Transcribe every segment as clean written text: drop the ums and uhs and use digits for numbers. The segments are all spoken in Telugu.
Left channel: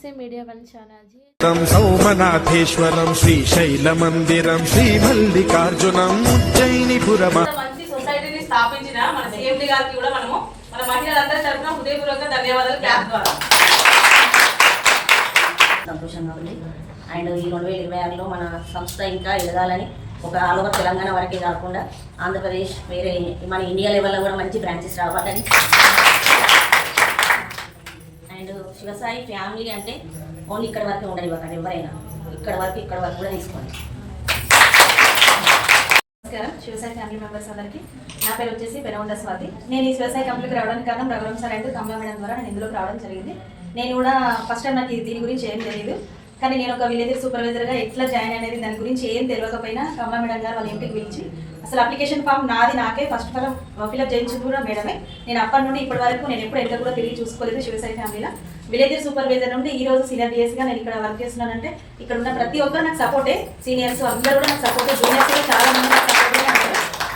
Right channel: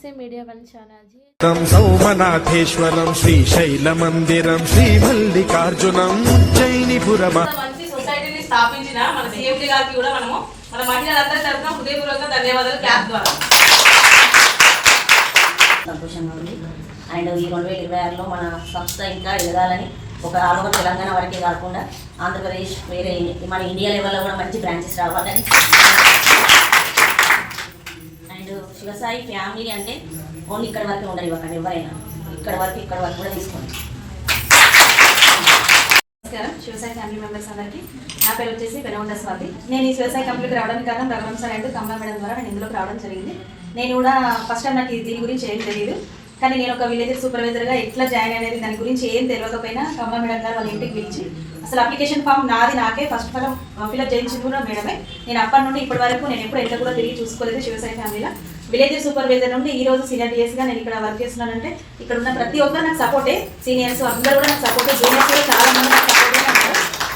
से मीडिया वन ఛానల్ సౌమనాథేశ్వరం శ్రీశైలమందిరం శ్రీమల్లికార్జునం ఉజ్జయినిపురం మంచి సొసైటీని స్థాపించిన మన సీఎండీ గారికి కూడా మనము మన మహిళలందరి తరఫున హృదయపూర్వక ధన్యవాదాలు క్లాప్ ద్వారా. సంతోషంగా ఉంది. అండ్ ఈ 2026లో మన సంస్థ ఇంకా ఎదగాలని ఒక ఆల్ ఓవర్ తెలంగాణ వరకే కాకుండా ఆంధ్రప్రదేశ్ వేరే మన ఇండియా లెవెల్లో కూడా మంచి బ్రాంచెస్ రావాలని. అండ్ శివసాయి ఫ్యామిలీ అంటే ఓన్లీ ఇక్కడ వరకే ఉండదు, ఇవ్వకండి ఎవరైనా ఇక్కడ వరకు కూడా తీసుకోండి. నమస్కారం శివసాయి ఫ్యామిలీ మెంబర్స్ అందరికీ. నా పేరు వచ్చేసి పెనగొండ స్వాతి. నేను ఈ శివసాయి కంపెనీకి రావడానికి కారణం Raghuram sir and Kamala madam ద్వారా నేను ఇందులోకి రావడం జరిగింది. నేను కూడా ఫస్ట్ టైం నాకు దీని గురించి ఏం తెలియదు, కానీ నేను ఒక విలేజ్ సూపర్వైజర్గా ఎట్లా జాయిన్ అనేది దాని గురించి ఏం తెలియకపోయినా కమలా మేడం గారు వాళ్ళ ఇంటికి పిలిచి అసలు అప్లికేషన్ ఫామ్ నాకే ఫస్ట్ ఫిల్అప్ చేయించింది కూడా మేడమే. నేను అప్పటి నుండి ఇప్పటి వరకు నేను ఎప్పుడు ఎంత కూడా తిరిగి చూసుకోలేదు. శివసాయి ఫ్యామిలీలో విలేజ్ సూపర్వైజర్ నుండి ఈ రోజు సీనియర్ డిఎస్గా నేను ఇక్కడ వర్క్ చేస్తున్నానంటే ఇక్కడ ఉన్న ప్రతి ఒక్కరు నాకు సపోర్టే. సీనియర్స్ అందరూ కూడా నాకు సపోర్టే, జూనియర్స్ కూడా చాలా మంది నాకు సపోర్టే అంటారు.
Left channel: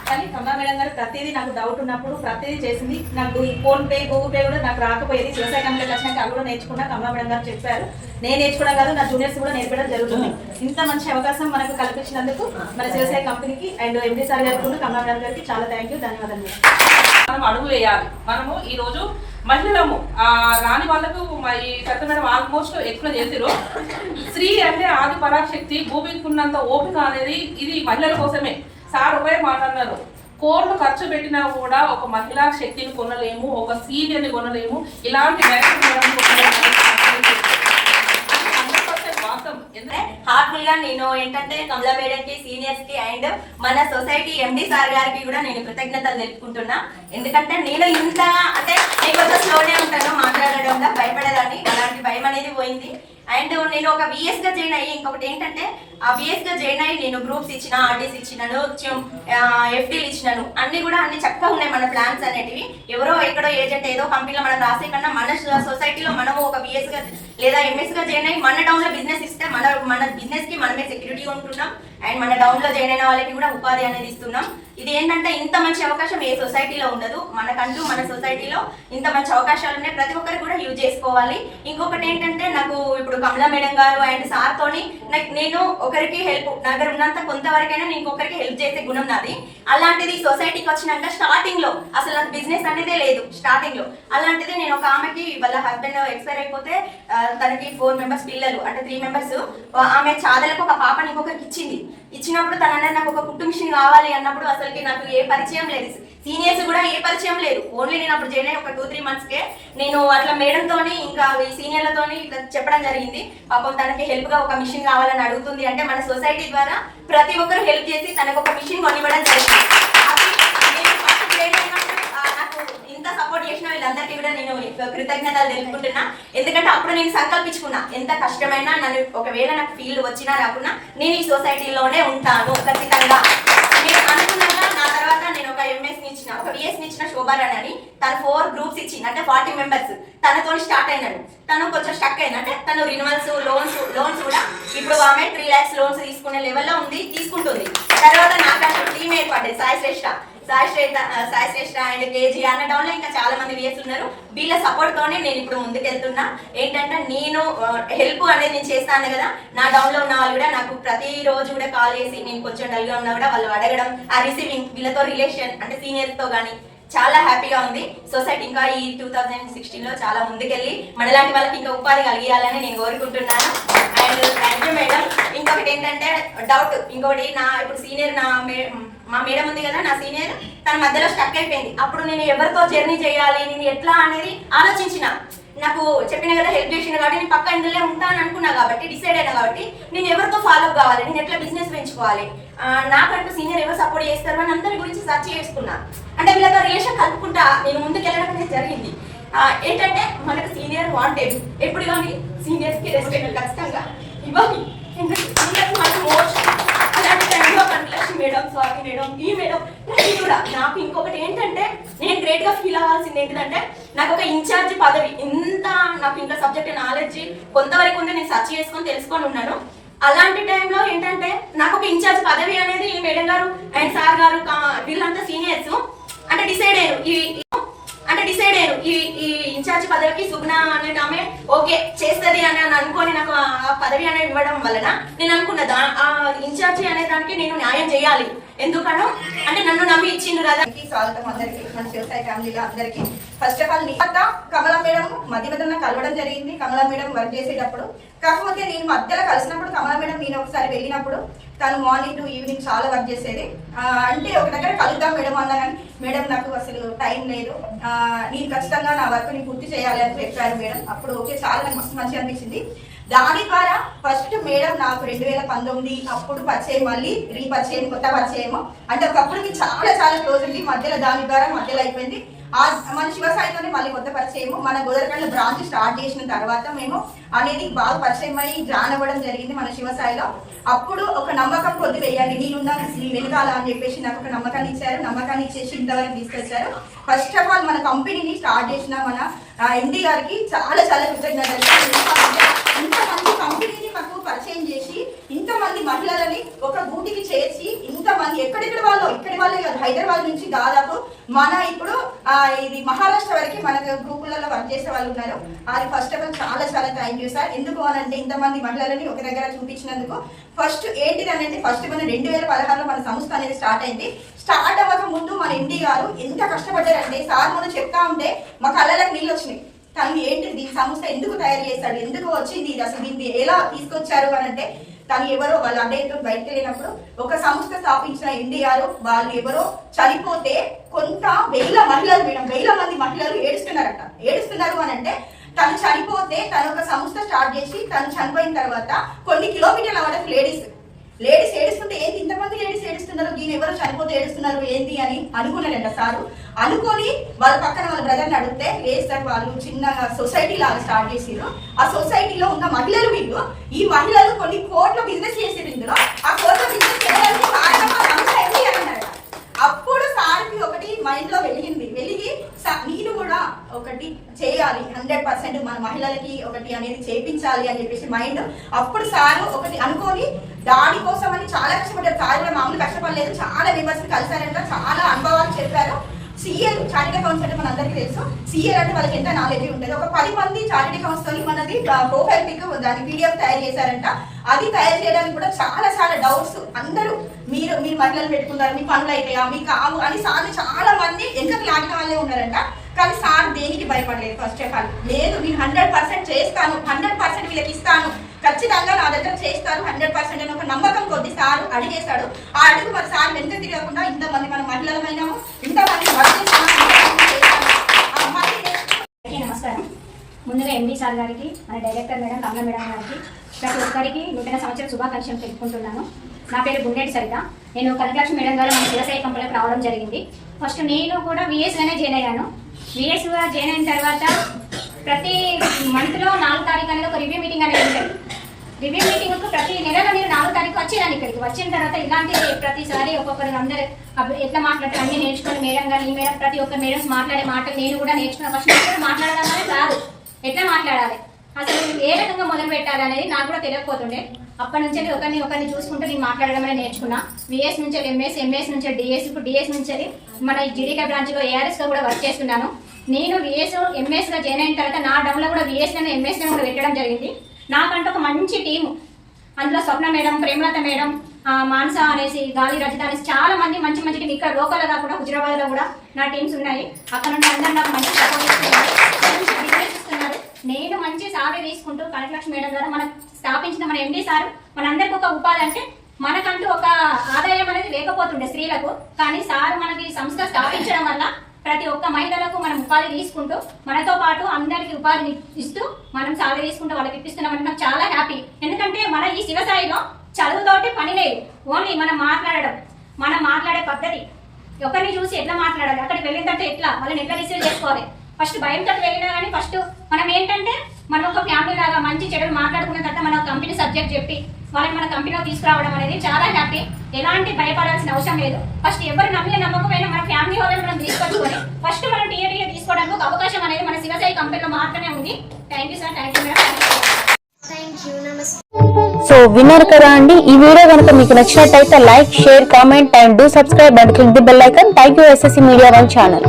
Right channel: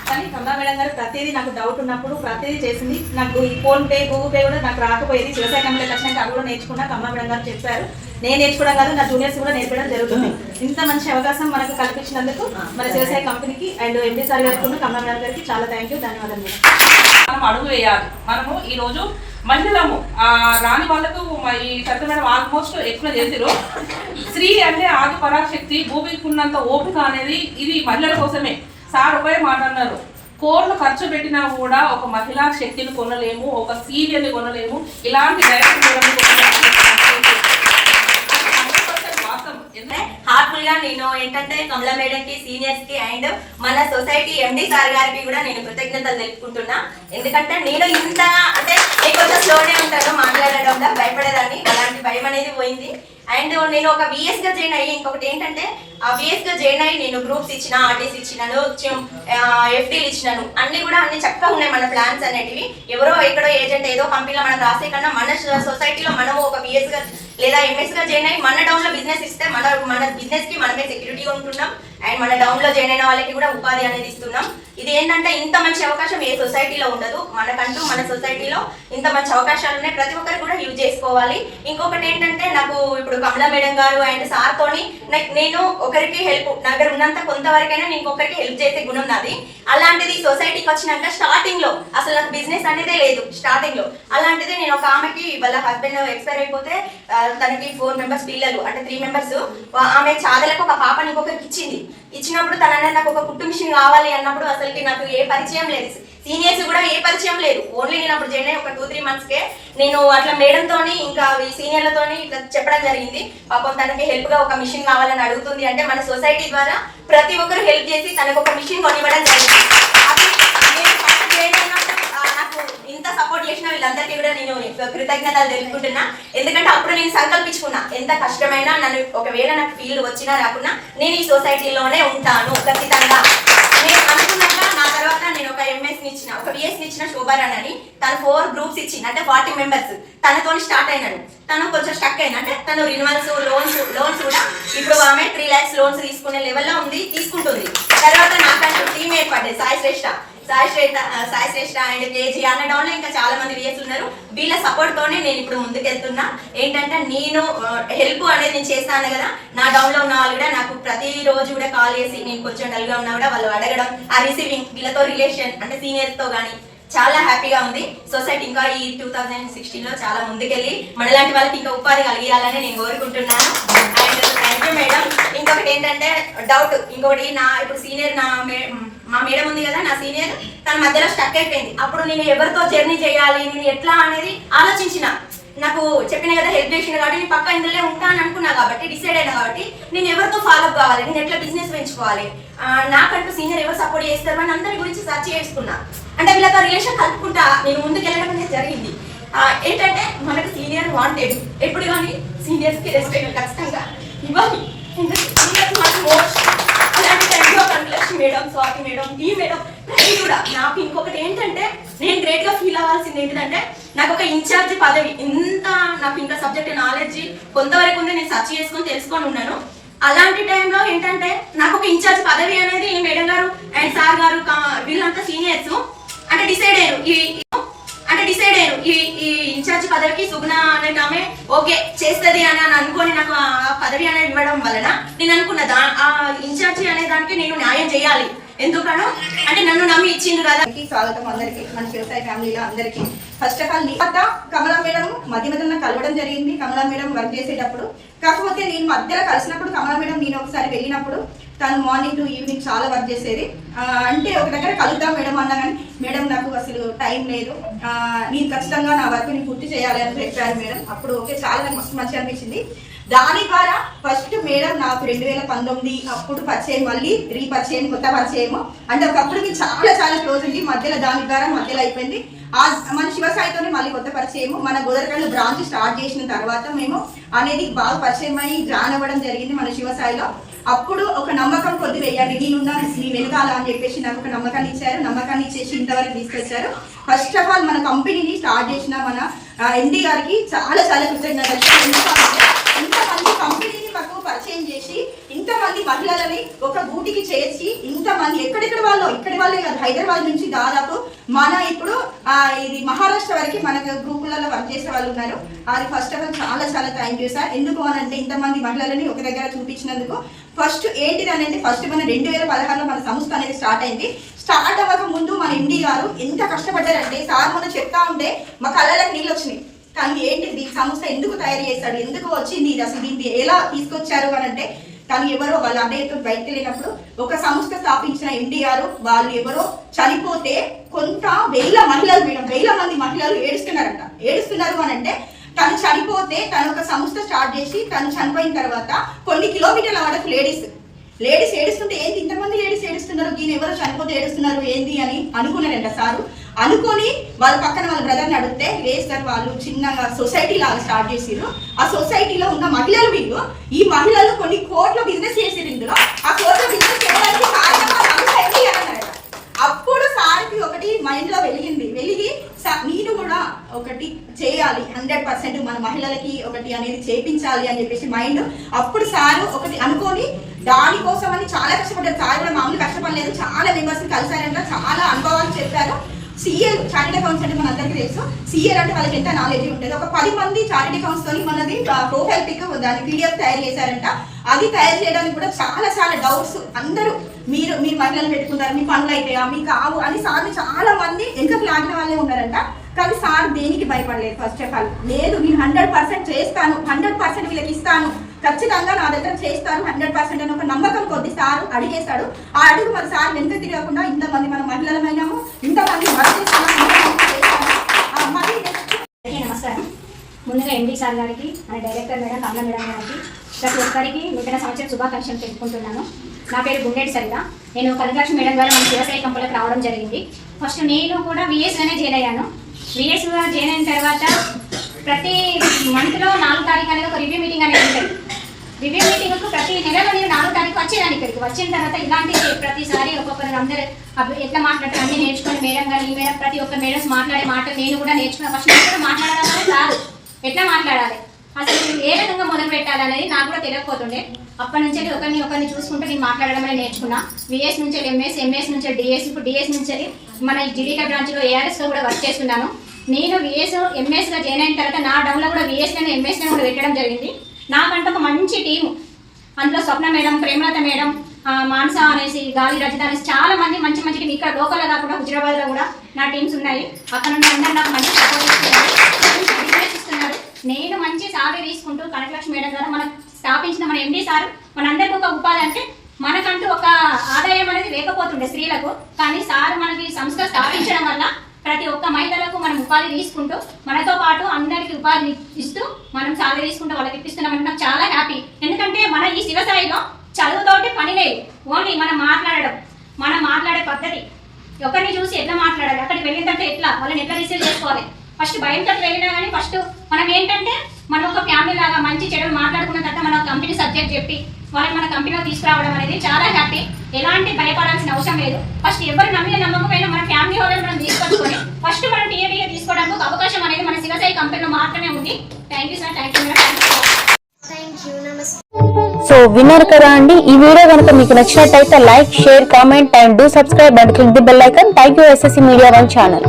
కానీ కమలా మేడం గారు ప్రతిదీ నాకు డౌట్ ఉన్నప్పుడు ప్రతిదీ చేసింది. నాకు ఈ ఫోన్పే గూగుల్ పే కూడా నాకు రాకపోయేది. శివసాయి కంపెనీకి వచ్చినాక అవి కూడా నేర్చుకున్నా. కమలా మేడం గారు చెప్పారు, నేను నేర్చుకోవడం కాదు నా జూనియర్స్ కూడా నేర్పడం జరుగుతుంది. ఇంత మంచి అవకాశం మనకు కల్పించినందుకు మన శివసాయి కంపెనీకి అండ్ ఎండి సార్ గారికి కమలా మేడం గారికి చాలా ధన్యవాదాలు. మనం అడుగు వేయాలి. మనము ఈ రోజు మహిళలము రాని వాళ్ళకు ఈ సత్య మేడం ఆల్మోస్ట్ ఎక్స్ప్లెయిన్ చేసారు. స్త్రీ అంటే ఆది పరాశక్తి, భూమికి ఉన్నంత ఓపిక అనేది ఇది మహిళల కోసమే. సార్ ఒకే మాట అన్నారు, కోట్లు ఖర్చు పెట్టినా కూడా ఒక మహిళా శక్తిని కొనలేము, ఒక సీరియల్ని కొనలేము, ఇలాంటి హార్ట్ఫుల్ గా నేను ఏంటంటే కమలా మేడం కి, సీనియర్స్ కి అండ్ మన సొసైటీ ఎండి సార్ గారికి కూడా నేను కృతజ్ఞతలు తెలుపుకుంటున్నా. ఎందుకంటే నేను ఇంతగా అంటే నేను కొంచెం స్లోనే ఉంటాను మాట్లాడడంలో, భయపడేదాన్ని. అలాంటి భయం అనేది పోయింది. అండ్ నేను ఒక విఎస్ గా జాయిన్ అయ్యి ఇంకొకటి ఏంటంటే ఆ విఎస్ గా జాయిన్ అయ్యి నేను గ్రూప్స్ ఇచ్చిన, ఆర్టీస్ ఇచ్చినాను, ఎఫ్డీలు ఇచ్చినాను. అన్ని కూడా అన్ని చక్కగా ఉన్నాయి మన ప్లాన్స్ అనేటివి. ఎవరో ఎక్కడో ఏజెంట్ ఏదో కంపెనీలో మనం రాసే కన్నా మన సొసైటీలో మనము ఒక విఎస్ గా లేదా ఎంఎస్ గా జాయిన్ అయ్యి మన డౌన్ లో బిజినెస్ ఇస్తే మన బిజినెస్ కి మనమే సెక్యూరిటీగా ఉంటున్నాం. అండ్ మన డౌన్ లో జాయిన్ అయిన వాళ్ళకి కూడా ఉపాధి అనేది ఇస్తున్నాం. ఇది ఏంటంటే ఇంత మంచి అవకాశం ఏ సొసైటీలో ఉండదు. మనకంటూ మన సొసైటీలో ఇంత మంచి అవకాశాలు ఉన్నాయి, ప్రతి ఒక్కరు కూడా యూజ్ చేసుకోవాలి. ఇంకొకటి ఏంటంటే నాకు ఇప్పుడు కమలా మేడం గారు అండ్ సార్ తోని నేను ఒకరికి హెల్ప్, నా దగ్గర ఉన్నంత కొంతవరకైనా నేను ఇంకొకరికి హెల్ప్ చేసే గుణం నాది. అలాంటిది సొసైటీకి వచ్చినాక స్టార్టింగ్ లో అసలు నాకు బిజినెస్ అనేదే లేదు స్టార్టింగ్ లో. అలాంటిది నేను ఒక ఆమెకి వాళ్ళ హస్బెండ్ ఎక్స్పైర్ అయిపోతే తనకి 4 మెంబర్స్ పిల్లలు అంటే 3 మెంబర్స్, ఆమె చాదలకు ఒక పాపని ఇంకొకరికి ఇచ్చినప్పుడు తన నాకు ఒక కుట్టు మిషన్ కావాలి అన్నప్పుడు అసలుకి నాకు ఏ పరిచయం లేదు, సీనియర్స్ కూడా ఏ పరిచయం లేదు. ఓన్లీ నేను అప్పుడు జాయిన్ అయ్యి ఒక 2-3 మంత్స్కే నేను అట్లా మేడంతోని ఇంకా ఈ సీనియర్లతోని ఇట్లా చెప్పడం జరిగింది. పాపం తనకి హెల్ప్ గా ఒక మిషన్ కావాలని అడుగుతుంది అంటే మన సొసైటీ ద్వారా ప్రతి ఒక్కరు హెల్ప్ చేసి తనకు ఒక మిషన్ కొనివ్వడం జరిగింది. నాకు ఇంత సపోర్ట్ చేసిన వీళ్ళందరికీ కూడా నేను కృతజ్ఞతలు తెలుపుకుంటున్నా. ఎందుకంటే అప్పుడు నేను సంకల్పించుకున్నా, ఎంత కష్టమైనా నన్ను ఒకవేళ నాకు ఫీల్డ్ వచ్చినా రాకున్నా నేను ఈ సొసైటీలోనే ఉంటాను ఖచ్చితంగా. నేను అనుకున్నాక నా తర్వాత నేను ఒక ఎంఎస్ని ఇచ్చిన, ఒక విఎస్ని ఇచ్చిన శోభారాణి అని. తను 4 గ్రూప్స్ ఇచ్చింది అంటే 40 మెంబర్స్. తనతో స్టార్ట్ అయినాను. తను కొంచెం స్టక్ అయింది అంటే తను రిన్యూవల్స్ లోన్స్ కూడా ఇప్పుడు ఆమె 3 lakhs లోన్స్ తీసుకునే లెవెల్లో ఉంది, తీసుకుంటుంది. తర్వాత నాకంటూ టీమ్ ఏర్పడ్డది సాయి శ్రేష్ఠ అండ్ కేజీ అన్న డౌన్ లో ఇంకా చాలా మంది విఎస్ ఉన్నారు. వీళ్ళ సపోర్ట్ తోనే నేను ఇప్పుడు ముందుకెళ్తున్నా. ఏంటంటే నేను హెల్ప్ అనేది నేను చేస్తాను కదా, నా డౌన్ లో ఉన్న వాళ్ళు కూడా నాకు ప్రతి రోజు కూడా కాల్ చేసి నేను కొంచెం డల్ గా ఉన్నా కూడా వాళ్ళు అడగడం, ఆ రిసీవింగ్, వీళ్ళతో రిలేషన్ అంటే సీనియర్స్ తో కానీ చాలా హ్యాపీగా ఉంది. సొసైటీ ఇంకా ఈ 2016లో చాలా ముందుకెళ్ళి మనలాంటి వాళ్ళకి ఇంకా ఉపాధి కలిగియాలని నేను కోరుకుంటున్నాను. And thank you madam. ఇంకొకటి ఏంటంటే డౌట్, ఇంకొకటి నా ఇప్పుడు సీనియర్ మా మేడం ఉంది కదా, నా సీనియర్, తన మధ్యలో స్టక్ అయిపోయింది. అప్పుడు నేను ఎవరితో జర్నీ చేయాలి, నేను ఎట్లా అనేది ఆలోచించిన. నాకు చెప్పిన కదా హెల్ప్ చేసిన కాబట్టి నేను పక్క ఇందులో ఉంటాను అనుకున్నా కాబట్టి డిసైడ్ అయినా కాబట్టి నేను ఎవరితో ఫాలో అప్ కావాలి, నేను ఎట్లా బిజినెస్ పెంచుకోవాలి, నాకంటూ సీనియర్ ఎవరు సపోర్ట్ చేస్తారు అని అందరి గురించి సర్చ్ చేసుకున్నా. అంటే వీళ్ళతో రిలేషన్ కలుపుకుంటా నేను ముందుకు వెళ్ళడం అనేది జరిగింది. ఏంటంటే మనకు సీనియర్ వాంటెడ్, ఎప్పుడు కానీ సీనియర్స్కి రెస్పెక్ట్ ఖచ్చితంగా ఇవ్వాలి. అలాంటి టైంలో కంట్లక్షన్ మేడం, స్వాతి మేడం, ఈ మేడం ప్రతి కూడా నాకు ఇంకొకటి ఏంటంటే నేను గ్రేట్ గా ఫీల్ అవ్వాల్సింది ఏంటంటే నాకు ఒక ఇన్ఛార్జ్ పదవి, ఇంత నాకు ఇంకా సబ్జెక్ట్ నాలెడ్జ్ కొంతవరకు ఉంది, నేను సర్చ్ చేసుకొని తెలుసుకొని ఉన్నాను. అలాంటి టైంలో ఏంటంటే నాకు ఒక ఇన్ఛార్జ్ పదవి అనేది మేడం గారు అండ్ సార్ గారు వీళ్ళంతా సీనియర్స్ అంటే డిసైడ్ అయ్యారు. ఈ ఇన్ఛార్జ్ పదవికి సుగుణ అనే ఆమె ఓకే చేస్తుంది అని అనుకొని నాకు ఆ పదవి అనేది ఇవ్వడం వలన నేను అనుకున్నదా ఆ ఇన్ఛార్జి అనే దానికి నేను న్యాయం చేయాలి. ఎందుకనో అంటే నన్ను నమ్మి ఇచ్చింది కదా. స్వాగతం అందరికి, మన వ్యవసాయ ఫ్యామిలీలో అందరికి. First of all Kamala madam మధ్య మధ్యలో కలవడం జరిగింది. కమలా మేడం వర్క్ చేసేటప్పుడు, కాకపోతే నేను మధ్యలో కలిసినప్పుడు కమలా మేడం నేను ఒకసారి వెళ్ళినప్పుడు తను మార్నింగ్ టు ఈవినింగ్ చాలా వర్క్ చేసేది. అంటే ఒక దగ్గర కలుద్దాం మేడం అన్నా కానీ మేడం నాకు అసలు టైం లేదు, నేను ఖచ్చితంగా నా వర్క్ ని పూర్తి చేయాలి అని చెప్పారు మేడం. అప్పుడు ఓకే చాలా నాకు మస్తు మంచిగా అనిపించింది. దాని ద్వారా ఫస్ట్ మేడం నాకు 2019 అప్పుడు పరిచయం, మళ్ళీ రీపరిచయం, కొత్త పరిచయం. అంటే ఒకప్పుడు మీకు చాలా చాలా క్లోజ్ ఉంది, మధ్యలో దాని ద్వారా మధ్యలో అయిపోయింది. మన శివసాయితోనే మళ్ళీ కొత్త పరిచయము. మన గోదరకండ్ల బ్రాంచ్ స్టార్ట్ చేసిన తర్వాత మేము అనేది బాగా పరిచయం అయ్యి జాయిన్ అవ్వడం జరిగింది మన శివసాయిలో. అప్పుడు ఒక నమ్మకం కొద్ది వేయాలి, నేనున్నాను నీ వెనకాల అని చెప్పేసి నాకు ఒక నమ్మకాన్ని ఇచ్చారు. నమ్మకాన్ని ఇచ్చేసి ఇంతవరకు తీసుకొచ్చారు. ఫస్ట్ ఆఫ్ ఆల్ మన కంపెనీని స్టార్ట్ చేసిన మన ఎండి గారికి చాలా చాలా కృతజ్ఞతలు. ఇంతమంది కంపెనీని మాకు పరిచయం చేసి ఇంతమంది మహిళలని ఒక గూటికి చేర్చి ఇంతమంది ఎక్కడెక్కడ వాళ్ళు, ఇక్కడి వాళ్ళే కాదు, హైదరాబాద్ నుంచి దాదాపు మన ఇప్పుడు ఇది మహారాష్ట్ర వరకు మన గ్రూపులలో వర్క్ చేసే వాళ్ళు ఉన్నారు. అది ఫస్ట్ ఆఫ్ ఆల్ చాలా చాలా థ్యాంక్ యూ సార్. ఎందుకు అని అంటే ఇంతమంది మహిళలని ఒక దగ్గర చూపించినందుకు. ఫస్ట్ ఏంటిది అనేది ఫస్ట్ మన 2016లో మన సంస్థ అనేది స్టార్ట్ అయింది. స్టార్ట్ అవ్వక ముందు మన ఎండి గారు ఎంత కష్టపడ్డారంటే సార్ మనం చెప్తా ఉంటే మా కళ్ళకి నీళ్ళు వచ్చినాయి. కానీ ఏంటిది సంస్థ ఎందుకు తయారు చేశాడు, ఎందుకు వచ్చింది, ఇది అసలు దీన్ని ఎలా తీసుకొచ్చారు అని అంటే కానీ ఎవరో వాళ్ళు అన్నయ్యతో బయటకు వెళ్ళినప్పుడు ఒక సంస్థ స్థాపించిన ఎండి గారు వాళ్ళు ఎవరో చనిపోతే కొంత వేల మహిళలు మేడం, వేల మంది మహిళలు ఏడుస్తున్నారంట. ఏడుస్తున్నారు అని అంటే తను చనిపోతే తను ఒక సంస్థ స్టార్ట్ చేసి తను చనిపోయిన తర్వాత కొన్ని కిలోమీటర్ల వరకు లేడీస్ ఏడుస్తుంటే ఏంటి ఇంతమంది లేడీస్ ఏడుస్తున్నారు, దీని ఎవరు చనిపోతే ఏడుస్తున్నారు ఏంటి అని అనుకున్నారంట సారు. అనుకొని వాళ్ళ పక్కన వాళ్ళ బ్రదర్ని అడిగితే లేదు సార్ వాళ్ళు చిన్నగా సొసైటీ లాగా స్టార్ట్ చేసిరు. ఆ సొసైటీలో ఉన్న మహిళలు వీళ్ళు, ఈ మహిళలు కొన్ని కోట్ల బిజినెస్ చేసిరు. ఇందులో ఆ కోట్ల బిజినెస్ చేయడానికి అన్నారట. అప్పుడు సార్కి ఒకటి మైండ్ లో వెలిగి నేను కూడా ఒకటి చేయాలి, 100% మన మహిళలకి ఒకటి అనేది చేయించాలి అని చెప్పేసి మైండ్. అప్పుడు సారు ఒకటి అనుకొని దానికోసం అని చాలా కష్టపడ్డారు. సార్ కూడా మామూలు కష్టపడలేదు, చాలా మెంబర్స్ కలిసారంట, చాలా అనుభవాలు చెప్పారు. సిఎల్ చార్టెడ్ అకౌంట్స్ అంటే మన అందరికీ తెలుసు. సిఎల్ అంటే వాళ్ళకి ఎంత నాలెడ్జ్ ఉంటుంది. ఒక 10 మంది చార్టెడ్ అకౌంట్స్ తో మనది ప్రొఫైల్ పిక్ దాని పీడిఎఫ్ తయారు చేశారంట. అది తయారు చేయడానికి కూడా చాలా చాలా డౌట్స్. అందరూ మీరు మహిళలు పెట్టుకుంటారు, మీ పనులు అయిపోయా, మీ కావు అని సార్ చాలా మంది ఎందుకు లాగిన వాళ్ళే ఉన్నారంట. కానీ సార్ దేనికి భయపడలేదు. ఫస్ట్ ఆఫ్ ఆల్ లేదు మీరు 100% చేస్తాను, 100% వీళ్ళకి ఇస్తాను, ఖచ్చితంగా నా దగ్గర చేస్తారు 100% అని ఒక నమ్మకం కొద్ది సార్ అడిగేశాడు. ఆ అడుగు మరి సార్ వెంట తిరగకుండా ఇంతమంది మన మహిళలమైనాము, ఇంతమంది నమస్కారం. ముందుగా ఎండి సార్ గారికి, మన డైరెక్టర్ మేడం కమలా మేడం గారికి, ప్రతి ఒక్కరికి నూతన సంవత్సరం శుభాకాంక్షలు తెలుపుకుంటున్నాను. నా పేరు గుండెటి సరిత. నేను కనకాక్షి మేడం గారు మన శివసాయి కంపెనీకి రావడం జరిగింది. ఫస్ట్ నేను కూడా విఎస్లోనే జాయిన్ అయ్యాను. విఎస్లో జాయిన్ అయిన తర్వాత ప్రతి మంత్లో 4 తారీఖు అనేది ఒక రివ్యూ మీటింగ్ అనేది ఉంటుంది. రివ్యూ మీటింగ్కు ప్రతి నెలలో నేను 4 తారీఖు వచ్చేదాన్ని. ఇక్కడికి వచ్చిన తర్వాత ఇలాంటి ప్రతిసారి ఒక్కొక్కరు అందరూ ఎట్లా మాట్లాడతారు అన్నీ నేర్చుకుని మేడం గారు, ఈ మేడం ప్రతి ఒక్క మేడమ్స్ మాట్లాడే మాటలు నేను కూడా నేర్చుకున్నాను. ఫస్ట్ నేను కూడా మాట్లాడడం అనేది రాదు, ఎట్లా మాట్లాడాలి అసలు ఏ విధంగా మొదలు పెట్టాలనేది నాకు కూడా తెలియకపోతుండే. అప్పటి నుంచి ఒకరిని చూసుకుంటూ నేను మాట్లాడడం అనేది నేర్చుకున్నా. విఎస్ నుంచి ఎంఎస్ నుంచి డిఎస్, ఇప్పుడు డిఎస్ నుంచి మన జీడీకే బ్రాంచ్లో ఏఆర్ఎస్లో కూడా వర్క్ చేస్తున్నాను. నేను విఎస్ ఎంఎస్గా జాయిన్ అయిన తర్వాత నా డౌన్లో కూడా విఎస్లోనే ఎంఎస్లో కూడా పెట్టడం జరిగింది. నాకంటే ఒక మంచి టీము, అందులో స్వప్న మేడం, ప్రేమలత మేడం, మానస అనేసి, గాలి రజిత అనేసి చాలా మంది మంచి టీం. ఇక్కడ లోకల్లో కాకుండా హుజరాబాద్లో కూడా నా టీమ్స్ ఉన్నాయి. అక్కడ నుండి అందరూ నాకు మంచి సపోర్ట్ ఇస్తున్నారు. నేను మంచి సాగే తీసుకుంటూ కనకలక్ష్మి మేడం గారు మనకు స్థాపించిన మన ఎండి సార్ మనందరికీ ఒక ఉపాధి అంటే మనకంటూ ఒక ఆదాయం అనేది లేకపోతుండే స్త్రీలకు. కానీ సార్ మనకి సంస్థ స్థాపించడం వల్ల ప్రతి ఒక్క మహిళలకు మనం ఉపాధి తీసుకుంటూ మనతో పాటు అందరికీ ఉపాధిని ఇస్తూ మనం సాగు తీసుకుంటూ వాళ్ళకి ఇప్పిస్తున్నామంటే నాకు చాలా హ్యాపీ. ఎందుకంటే మన ఈ శివసాయిలో చదువుతోటి పని లేదు, ఓన్లీ మనం మాట్లాడడం, మనం మాట్లాడే పద్ధతి, ఒకరిని చూసి ఎట్లా మాట్లాడాలి, అక్కడికి వెళ్ళిందంటే ఎట్లా వాళ్ళని ఎట్లా రిసీవ్ చేసుకోవాలి. ఫస్ట్ భయంతో వెళ్ళినా కానీ ఫస్ట్ మనం ఏంటంటే మనం ఒక ఫ్యామిలీ లాగా మంచి చెడులు మాట్లాడుకున్న తర్వాత మన కంపెనీ సబ్జెక్ట్ చెప్పి వాళ్ళని మన కంపెనీలో తీసుకురావడం అనేది చాలా హ్యాపీ. ఎలాంటి భయపడాల్సిన అవసరం లేదు. ఫస్ట్ ఎవరు నమ్మిన నమ్మకపోయినా మన ఫ్యామిలీ వాళ్ళని మనం తీసుకొచ్చుకొని ఫస్ట్ మనం టీఏడీఏ తీసుకోవడానికి ఒక అవకాశం అనేది మన శివసాయి కంపెనీలో మాత్రమే ఉంది. Thank you sir. Thank you madam. So విన్నారు కదా అండి. ఈ వీడియో కనుక మీకు నచ్చినట్టయితే like, share, comment and do subscribe and click the bell icon. Thank you SSC Media One channel.